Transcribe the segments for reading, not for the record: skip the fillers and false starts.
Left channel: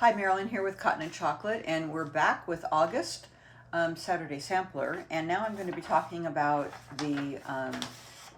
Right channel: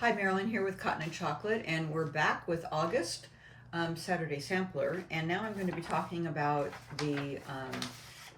Hi, Marilyn here with Cotton and Chocolate, and we're back with August Saturday Sampler, and now I'm going to be talking about the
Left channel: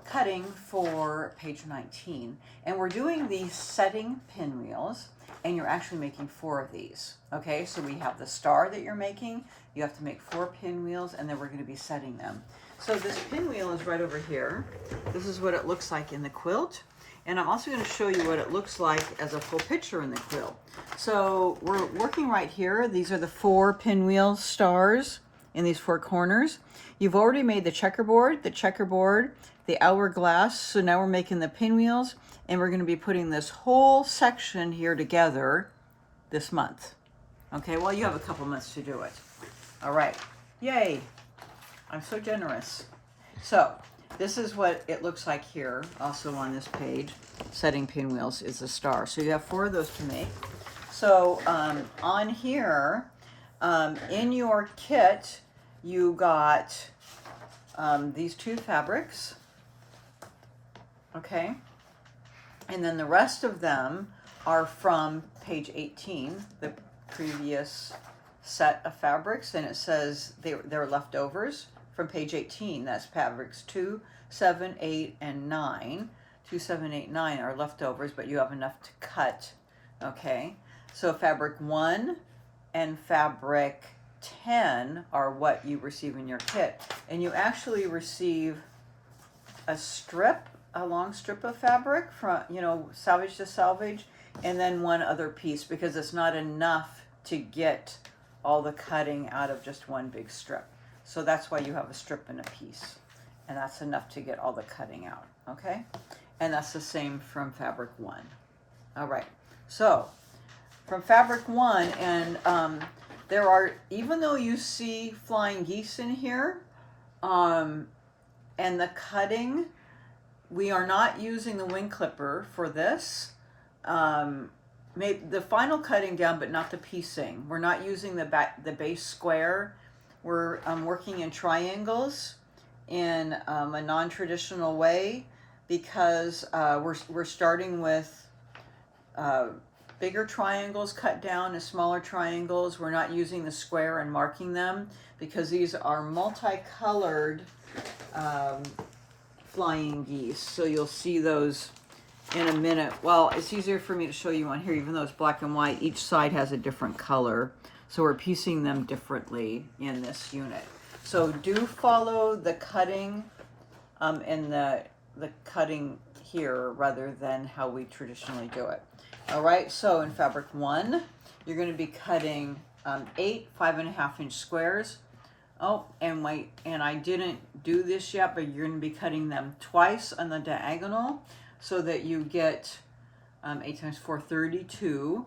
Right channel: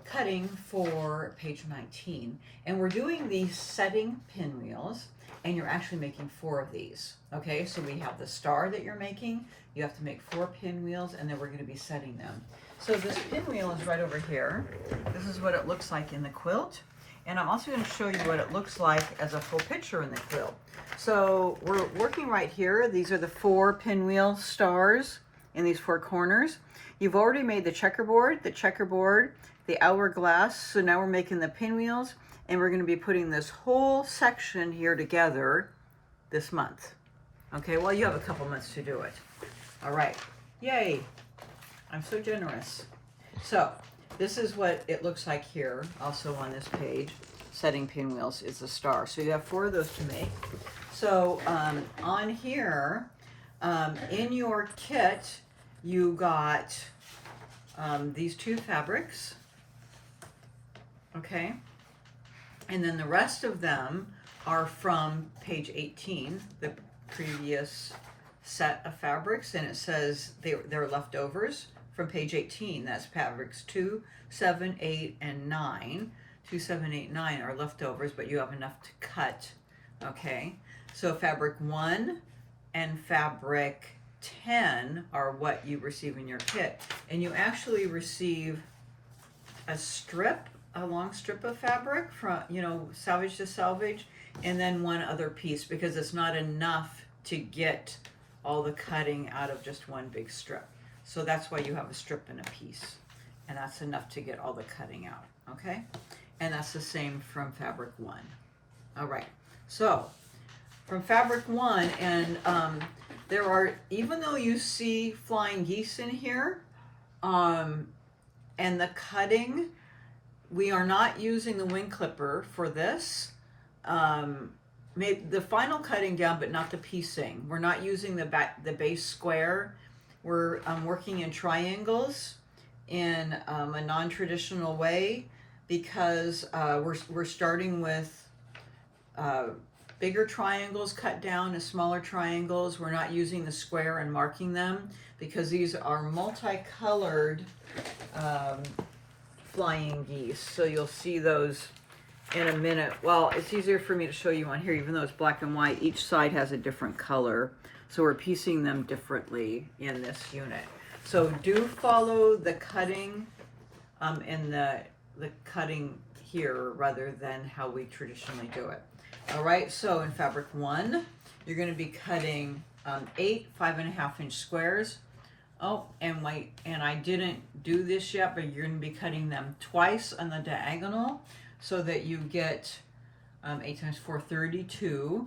cutting for page 19. And we're doing these setting pinwheels, and you're actually making 4 of these. Okay, so we have the star that you're making, you have to make 4 pinwheels, and then we're going to be setting them. So this pinwheel is right over here. This is what it looks like in the quilt. And I'm also going to show you what it looks like as a full picture in the quilt. So we're working right here. These are the 4 pinwheel stars in these 4 corners. You've already made the checkerboard, the hourglass. So now we're making the pinwheels, and we're going to be putting this whole section here together this month. Okay, well, you have a couple months to do it. All right, yay. I'm so generous. So this is what it looks like here, also on this page. Setting pinwheels is a star. So you have 4 of those to make. So on here, in your kit, you got these 2 fabrics, okay? And then the rest of them are from page 18, the previous set of fabrics, and it says they're leftovers from page 18. That's fabrics 2, 7, 8, and 9. 2, 7, 8, 9 are leftovers, but you have enough to cut. Okay, so fabric 1 and fabric 10 are what you receive in your kit, and you actually receive a long strip of fabric from, salvage to salvage, and then 1 other piece, because it's not enough to get all the cutting out of just 1 big strip. So that's why you have a strip and a piece, and that's enough to get all the cutting out, okay? And that's the same from fabric 1. All right, so from fabric 1, and there are, even though you see flying geese in here, and the cutting, we are not using the wing clipper for this. Maybe the final cutting down, but not the piecing. We're not using the base square. We're working in triangles in a non-traditional way, because we're starting with bigger triangles cut down to smaller triangles. We're not using the square and marking them, because these are multicolored flying geese. So you'll see those in a minute. Well, it's easier for me to show you on here, even though it's black and white. Each side has a different color, so we're piecing them differently in this unit. So do follow the cutting and the cutting here rather than how we traditionally do it. All right, so in fabric 1, you're going to be cutting 8 5.5-inch squares. Oh, and I didn't do this yet, but you're going to be cutting them twice on the diagonal, so that you get 8 times 4, 32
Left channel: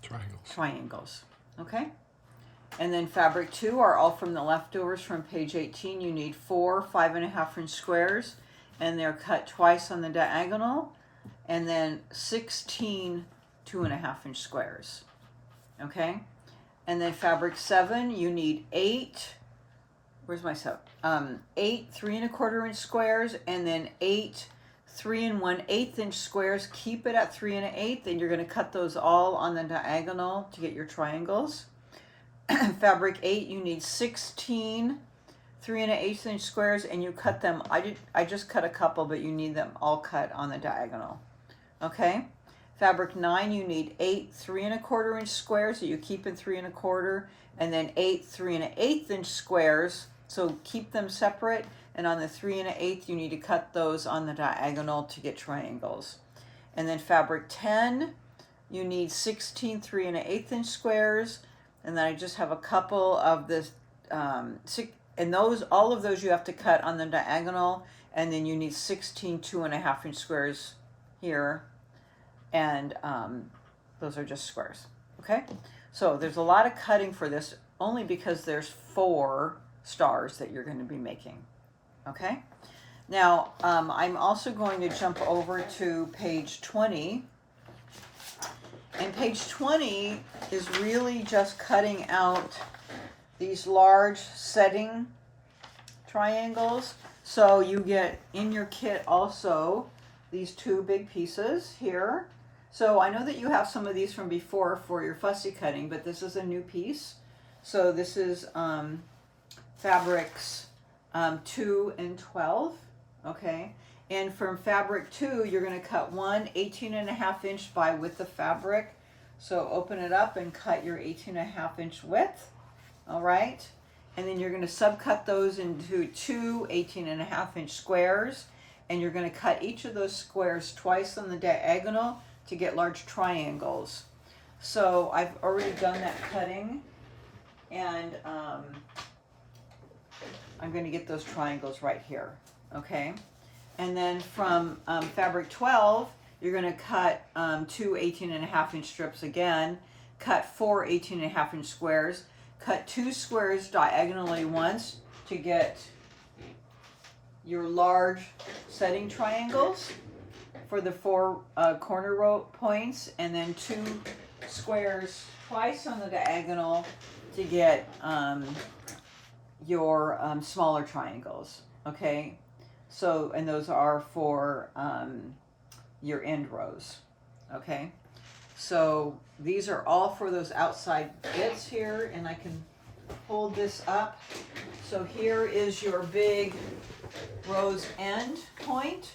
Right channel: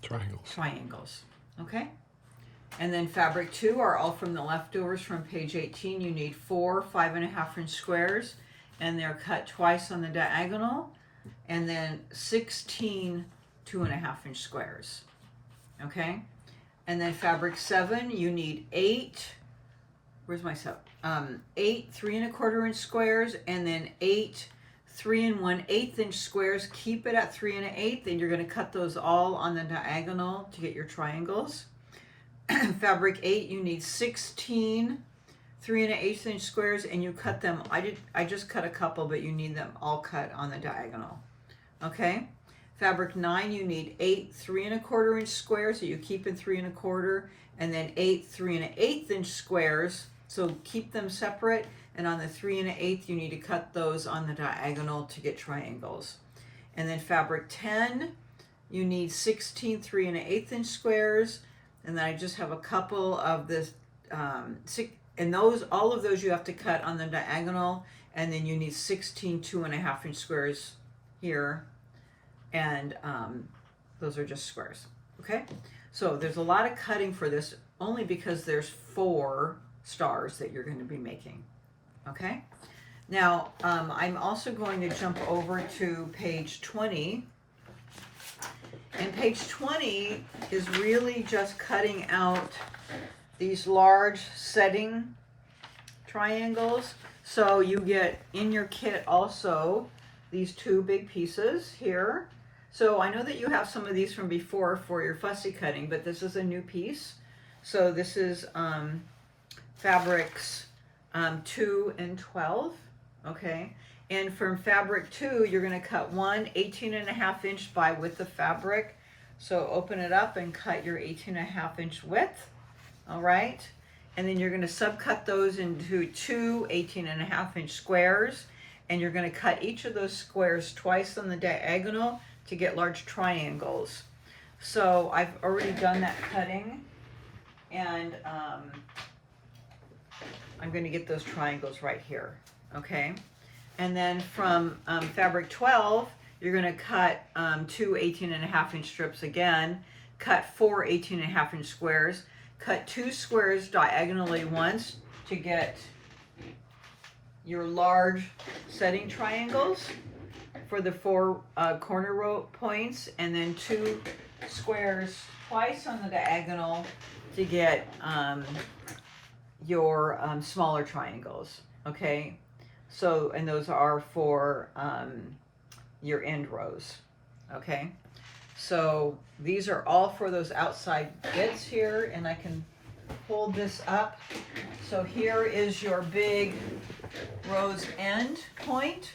triangles. Okay, and then fabric 2 are all from the leftovers from page 18. You need 4 5.5-inch squares, and they're cut twice on the diagonal, and then 16 2.5-inch squares. Okay, and then fabric 7, you need 8. Where's my 7? 8 3.25-inch squares, and then 8 3 1/8-inch squares. Keep it at 3 1/8, and you're going to cut those all on the diagonal to get your triangles. Fabric 8, you need 16 3 1/8-inch squares, and you cut them. I just cut a couple, but you need them all cut on the diagonal. Okay. Fabric 9, you need 8 3 1/4-inch squares that you keep in 3 1/4, and then 8 3 1/8-inch squares. So keep them separate, and on the 3 1/8, you need to cut those on the diagonal to get triangles. And then fabric 10, you need 16 3 1/8-inch squares, and then I just have a couple of this, and all of those you have to cut on the diagonal, and then you need 16 2.5-inch squares here, and those are just squares. Okay, so there's a lot of cutting for this, only because there's 4 stars that you're going to be making. Okay, now I'm also going to jump over to page 20, and page 20 is really just cutting out these large setting triangles. So you get in your kit also these two big pieces here. So I know that you have some of these from before for your fussy cutting, but this is a new piece. So this is fabrics 2 and 12, okay? And from fabric 2, you're going to cut one 18.5-inch by width of fabric. So open it up and cut your 18.5-inch width, all right? And then you're going to subcut those into two 18.5-inch squares, and you're going to cut each of those squares twice on the diagonal to get large triangles. So I've already done that cutting, and I'm going to get those triangles right here, okay? And then from fabric 12, you're going to cut two 18.5-inch strips again, cut four 18.5-inch squares, cut two squares diagonally once to get your large setting triangles for the four corner row points, and then two squares twice on the diagonal to get your smaller triangles, okay? So, and those are for your end rows, okay? So these are all for those outside bits here, and I can hold this up. So here is your big rose end point.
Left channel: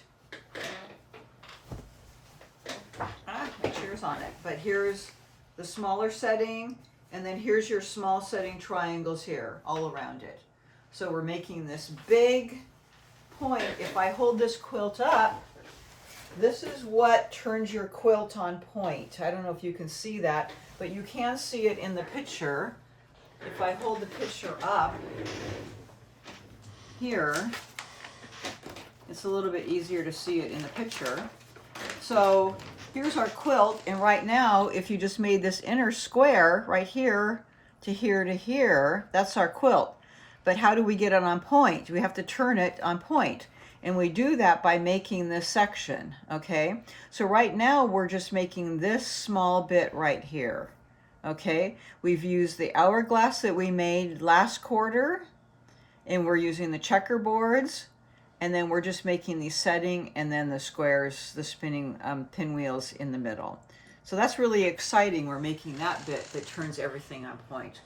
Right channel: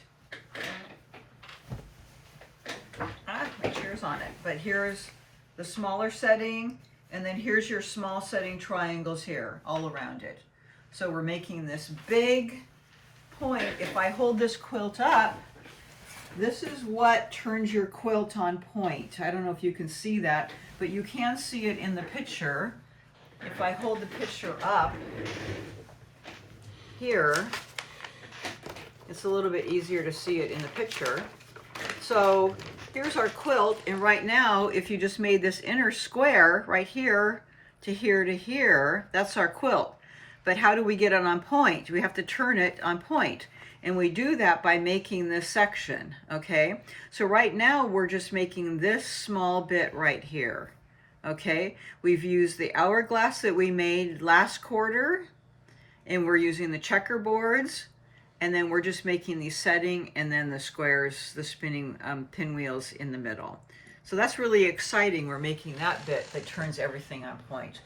My chair's on it, but here's the smaller setting, and then here's your small setting triangles here all around it. So we're making this big point. If I hold this quilt up, this is what turns your quilt on point. I don't know if you can see that, but you can see it in the picture. If I hold the picture up here, it's a little bit easier to see it in the picture. So here's our quilt, and right now, if you just made this inner square right here to here to here, that's our quilt. But how do we get it on point? We have to turn it on point. And we do that by making this section, okay? So right now, we're just making this small bit right here, okay? We've used the hourglass that we made last quarter, and we're using the checkerboards, and then we're just making the setting and then the squares, the spinning pinwheels in the middle. So that's really exciting. We're making that bit that turns everything on point.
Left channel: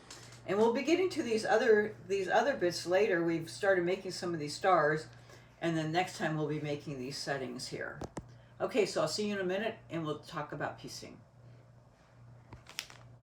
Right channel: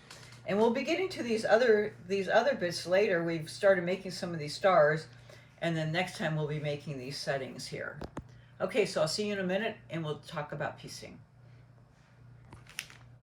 And we'll be getting to these other bits later. We've started making some of these stars, and then next time we'll be making these settings here. Okay, so I'll see you in a minute, and we'll talk about piecing.